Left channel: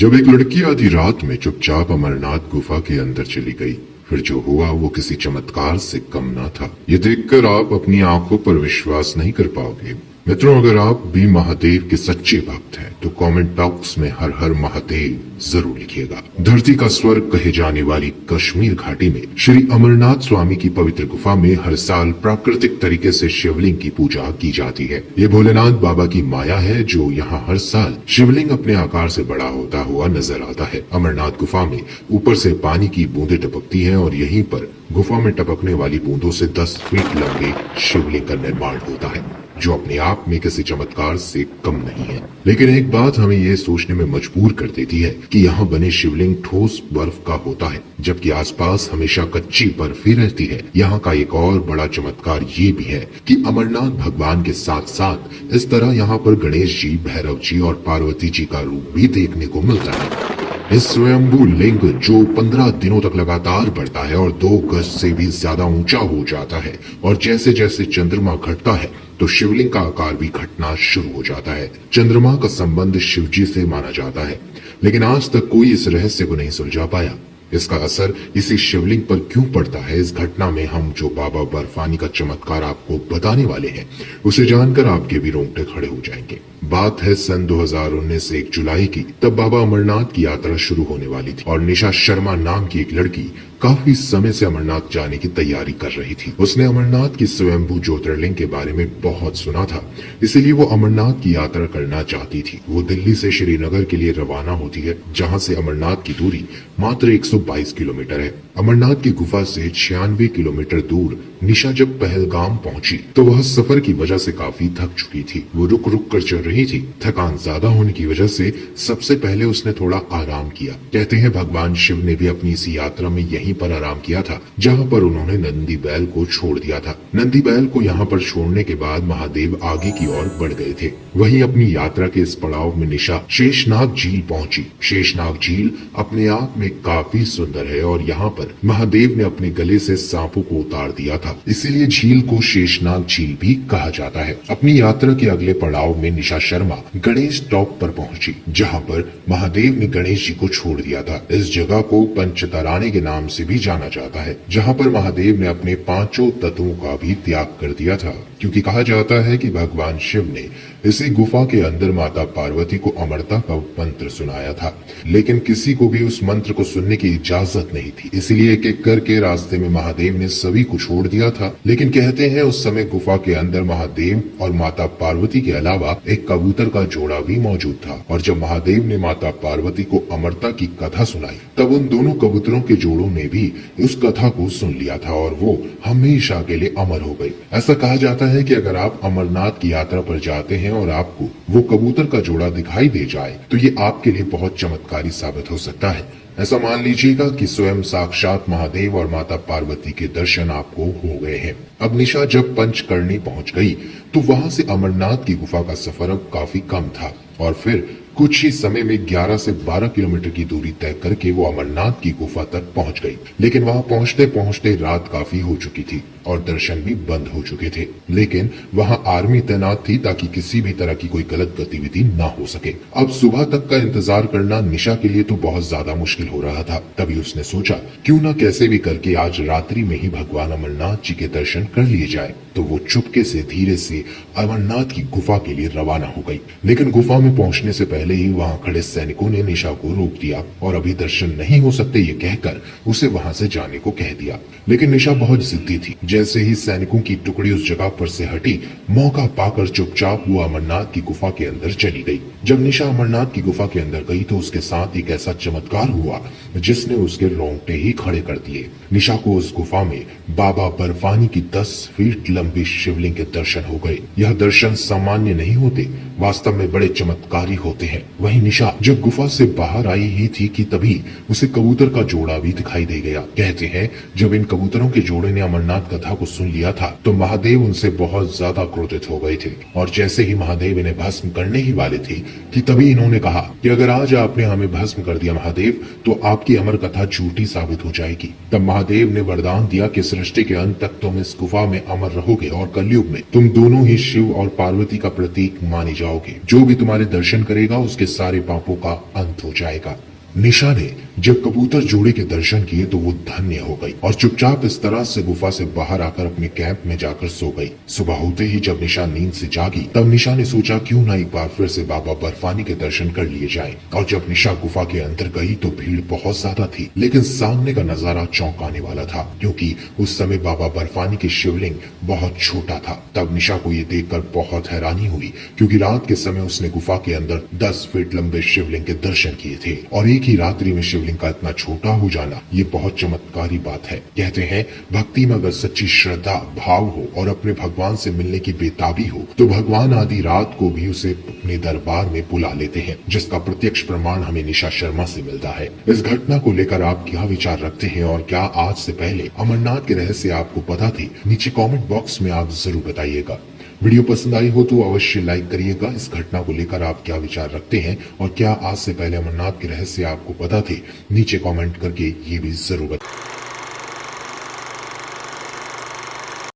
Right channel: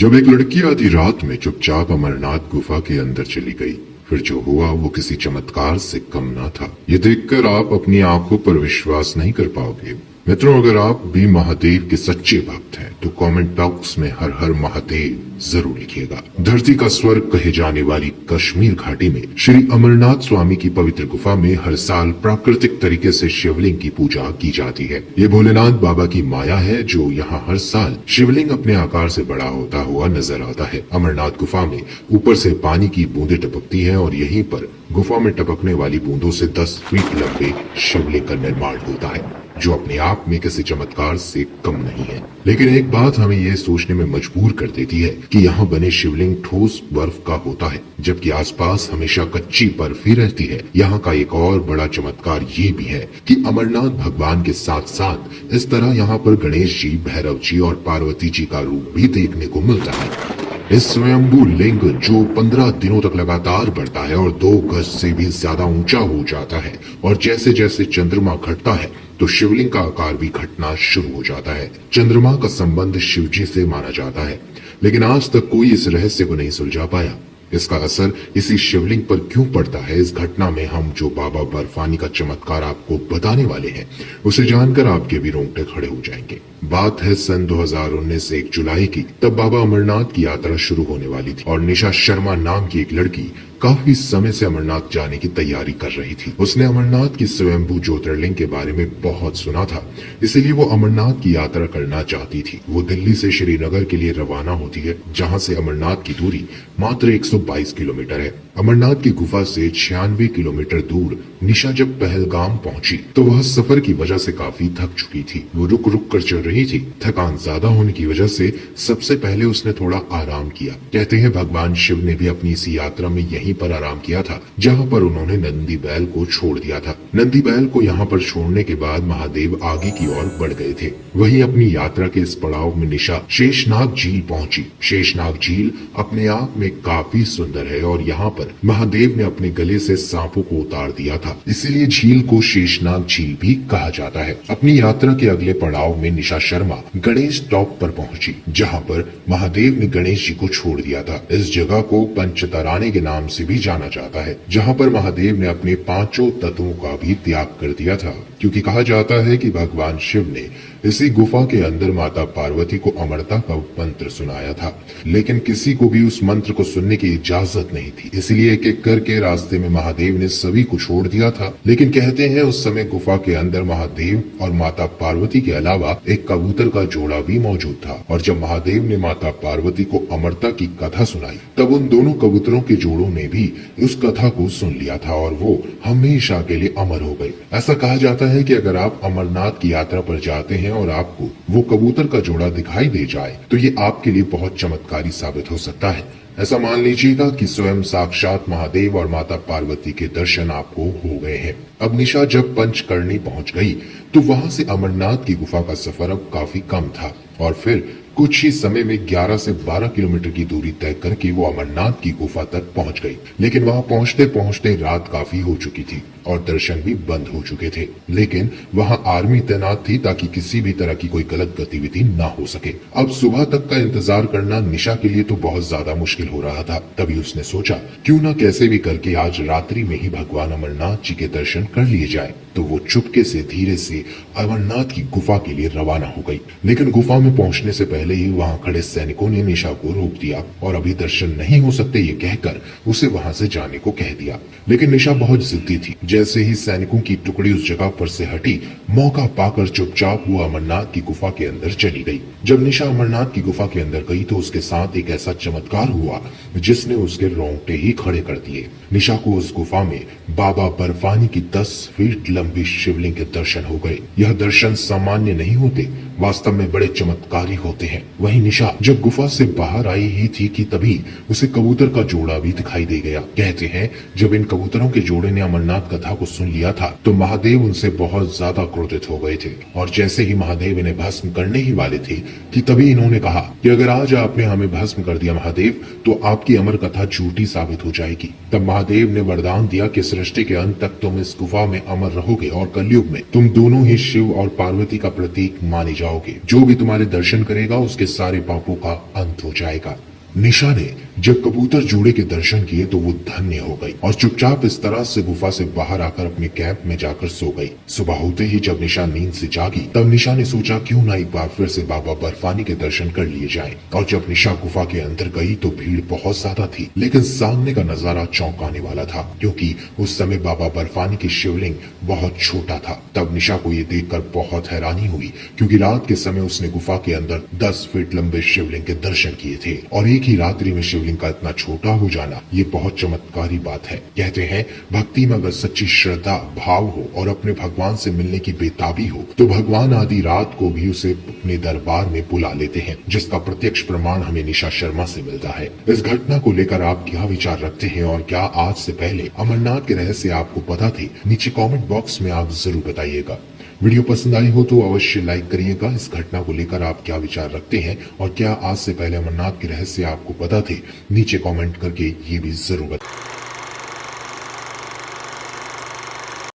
जब एक लड़की आधी रात में चुपचाप अमरनाथ गुफा के अंदर चली गई, फिर जो हुआ वो किसी चमत्कार से कम ना था। ये देखकर आप अपनी आंखों पर विश्वास नहीं कर पाओगे। मित्रों, अगर आप भी महादेव के सच्चे भक्त हैं तो कमेंट बॉक्स में हर हर महादेव जरूर लिखिएगा। धरती का स्वर्ग कहे जाने वाली कश्मीर घाटी में श्री अमरनाथ स्वामी की पवित्र गुफा में हर साल प्राकृतिक तरीके से शिवलिंग की पूजा की जाती है। ये भोलेनाथ बाबा की माया है जो यहाँ हर साल शिवलिंग अपने आकार से बड़ा होता हुआ नजर आता है। अमरनाथ गुफा में ऊपर से पानी की बूंदें टपकती हैं और यहीं पर गुफा में टपकने वाली बूंदों से 10 फीट लंबे शिवलिंग का निर्माण होता है, जो अपने आप में किसी चमत्कार से कम नहीं है। लेकिन एक बात हमें यह सोचने में मजबूर कर देती है कि यहाँ बने शिवलिंग ठोस बर्फ का होता है, जबकि आसपास हमेशा कच्ची बर्फ ही रहती है। यहाँ का एक और बड़ा चमत्कार ये भी है कि अमरनाथ भगवान के साथ साथ इस तरह यहाँ पर गणेश जी, भैरव जी और पार्वती जी का रूप भी देखने को मिलता है। इस स्वयंभू लिंग जो 15 दिनों तक लगातार बढ़ता है और 2 गज से भी ज्यादा ऊंचा हो जाता है, और जैसे जैसे चंद्रमा घटता है तो शिवलिंग का आकार भी घटना शुरू हो जाता है। चंद्रमा का संबंध शिवजी से माना जाता है, लेकिन आज तक कोई इस रहस्य को नहीं सुलझा पाया। इसका असर इसी शिवलिंग पर क्यों पड़ता है? इस घटना में हम जो बाबा बर्फानी का चमत्कार आपको बताने वाले हैं, उसे जानकर आपके भी रोंगटे खड़े हो जाएंगे। बात है सन 2019 1 जुलाई की। तब बाबा अमरनाथ की यात्रा शुरू होने वाली थी और निशा शर्मा नाम की एक लड़की काफी समय से अमरनाथ जाने की तैयारी कर रही थी। उसने अमरनाथ की स्वयंभू ज्योतिर्लिंग के बारे में बहुत सुना था, इसीलिए वो अमरनाथ की यात्रा करना चाहती थी। वो दिल्ली से श्रीनगर के लिए रवाना होती है, जहाँ से अमरनाथ की दूरी मात्र 122 किलोमीटर है। अमरनाथ की गुफा से 96 किलोमीटर दूर निशा जब पहलगाम पहुंची तो वह सफर की वजह से काफी थक चुकी थी। वो रुक रुक कर चल रही थी। थकान ज्यादा होने की वजह से सबसे पहले उसने थोड़ा आराम किया। कहते हैं भगवान शिव ने भी अपनी इसी यात्रा में यहीं पर आराम किया था, जहाँ पर उन्होंने नंदी बैल को छोड़ दिया था। नंदी बैल को यहाँ पर छोड़ने के बाद महादेव आगे की ओर बढ़ गए थे। वहीं अपनी यात्रा के इस पड़ाव में निशा शेषनाग झील पहुंची। शेषनाग झील अपने आप में काफी सुंदर है और यहाँ पर महादेव ने अपने गले से सांपों को उतार दिया था, इसीलिए झील को शेषनाग झील भी कहा जाता है। अपनी यात्रा के अगले पड़ाव में निशा शर्मा गणेश टॉप पर पहुंची, जहाँ पर महादेव ने गणेश जी को छोड़ दिया था। इस जगह को पंचतराने के नाम से भी जाना जाता है, जहाँ पर महादेव ने अपने 5 तत्वों का भी त्याग कर दिया था, क्योंकि कहा जाता है कि भगवान शिव ने इसी गुफा के अंदर माता पार्वती को अमरता का मंत्र सुनाया था, लेकिन किसी को भी उस मंत्र को सुनने की इजाजत नहीं थी। इसलिए एक एक करके रास्ते में महादेव ने सभी को छोड़ दिया था। लेकिन कहते हैं उस समय गुफा के अंदर महादेव और माता पार्वती के अलावा एक कबूतर का जोड़ा भी मौजूद था, और जब महादेव ने माता पार्वती को अमरता की कथा सुनाई तब उन दोनों कबूतरों के जोड़ों ने भी उस कथा को सुन लिया था और वो हमेशा के लिए अमर हो गए। ऐसा कहा जाता है कि अगर आप अमरनाथ की यात्रा पर जाते हैं और आपको वो कबूतर का जोड़ा दिखाई दे जाए तो ये आपके लिए बहुत चमत्कारी साबित हो सकता है। ऐसा मान लीजिएगा कि स्वयं साक्षात महादेव और माता पार्वती के दर्शन आपको हो गए हैं। अब निशा जब पंचकर्णी पहुंच गई तो वहां से अमरनाथ की गुफा का सफर अब काफी कम था और फिर कुछ ही समय में 11 से 12 किलोमीटर की दूरी तय करके वो अमरनाथ की गुफा तक पहुंच गई। लेकिन वहां पहुंचते पहुंचते रात काफी हो चुकी थी और दर्शन भी बंद हो चुके थे। लेकिन वहां आर्मी तैनात थी ताकि किसी भी तरह की कोई गलत गतिविधि ना हो सके। अब सुबह तक का इंतजार करना निशा के लिए तो बहुत ज्यादा मुश्किल हो रहा था। तभी उसने सोचा क्यों ना कैसे भी करके आज रात्रि में ही भगवान अमरनाथ जी के दर्शन कर लिए जाए। तो वो चुपके से धीरे से अमरनाथ की गुफा के लिए रवाना हो गई। लेकिन गुफा में पहुंचने से पहले ही वहां खड़े सैनिकों ने निशा को रोक दिया और अभी दर्शन नहीं हो सकते ये कहकर उसे वहां से जाने को कह दिया। लेकिन निशा बहुत जिद्दी थी। जैसे ही सैनिकों की टुकड़ी उस जगह पर से हटी, मौका पाकर चुपचाप वो अमरनाथ की गुफा के अंदर चली गई। जब निशा अमरनाथ की गुफा के अंदर गई तो उसके साथ एक ऐसा चमत्कार हुआ जिसने उसके रोंगटे ही खड़े कर दिए। निशा को उस गुफा में बाबा बर्फानी की 10 फीट लंबी शिवलिंग के दर्शन हो गए। यह दर्शन सामान्य नहीं होते, वास्तव में बड़े चमत्कारी होते हैं। वहीं निशा जब गुफा से बाहर आई ही थी कि तभी उसे कबूतर का जोड़ा भी दिखाई दे गया। कहते हैं जब इन कबूतरों के जोड़े ने अमरनाथ कथा को सुन लिया था तो महादेव उनसे बहुत ज्यादा क्रोधित हो गए थे, और जैसे ही महादेव इन्हें भस्म करने ही वाले थे कि तभी इन्होंने कहा कि अगर आज आपने हमें भस्म कर दिया महादेव तो आपकी अमर कथा झूठी साबित हो जाएगी। तब महादेव ने वरदान दिया कि सृष्टि के अंत तक तुम इस गुफा में अमर रहोगे और कलयुग में तुम दोनों ही शिव और पार्वती का प्रतीक माने जाओगे। जो भी तुम्हारे दर्शन करेगा उसके सारे पापों का अंत हो जाएगा। निशा ने जब कबूतर जोड़े के दर्शन किए तो वो धन्य हो गई और चुपचाप इस तरह से गुफा से बाहर आकर अपने कैंप में जाकर सो गई। सुबह होते ही जब निशा नींद से जागी तब निशा ने सोचा क्यों ना एक बार फिर से बाबा बर्फानी के दर्शन कर लिए जाए। और जब निशा गुफा के अंदर गई तो भीड़ बहुत ज्यादा थी, लेकिन सामने का नजारा चौंकाने वाला था क्योंकि उस समय बाबा बर्फानी की शिवलिंग बहुत छोटा था। तब निशा को ये देखकर बहुत हैरानी हुई क्योंकि रात के समय उसने गुफा के अंदर 10 फीट लंबे शिवलिंग के दर्शन किए थे और एक ही रात्रि में शिवलिंग का इतना छोटा हो जाना ये बहुत चमत्कारी बात है। कहते हैं भक्ति में अगर सच्ची श्रद्धा भाव हो और अपने भगवान से मिलने की बेताबी हो तो भगवान आधी रात को भी उसे अपने दरबार में बुला लेते हैं, जिसका प्रत्यक्ष प्रमाण हमें निशा शर्मा से मिलता है। इस घटना को लेकर आप क्या विचार रखते हैं और क्या आज से पहले अमरनाथ के रहस्य आपको पता थे? नीचे कमेंट बॉक्स में आप जरूर बताइएगा। वीडियो पसंद आई हो तो अवश्य लाइक करिएगा। इस घटना को लेकर आप क्या विचार रखते हैं और क्या आज से पहले अमरनाथ के रहस्य आपको पता थे? नीचे कमेंट करके ये भी जरूर बताइए।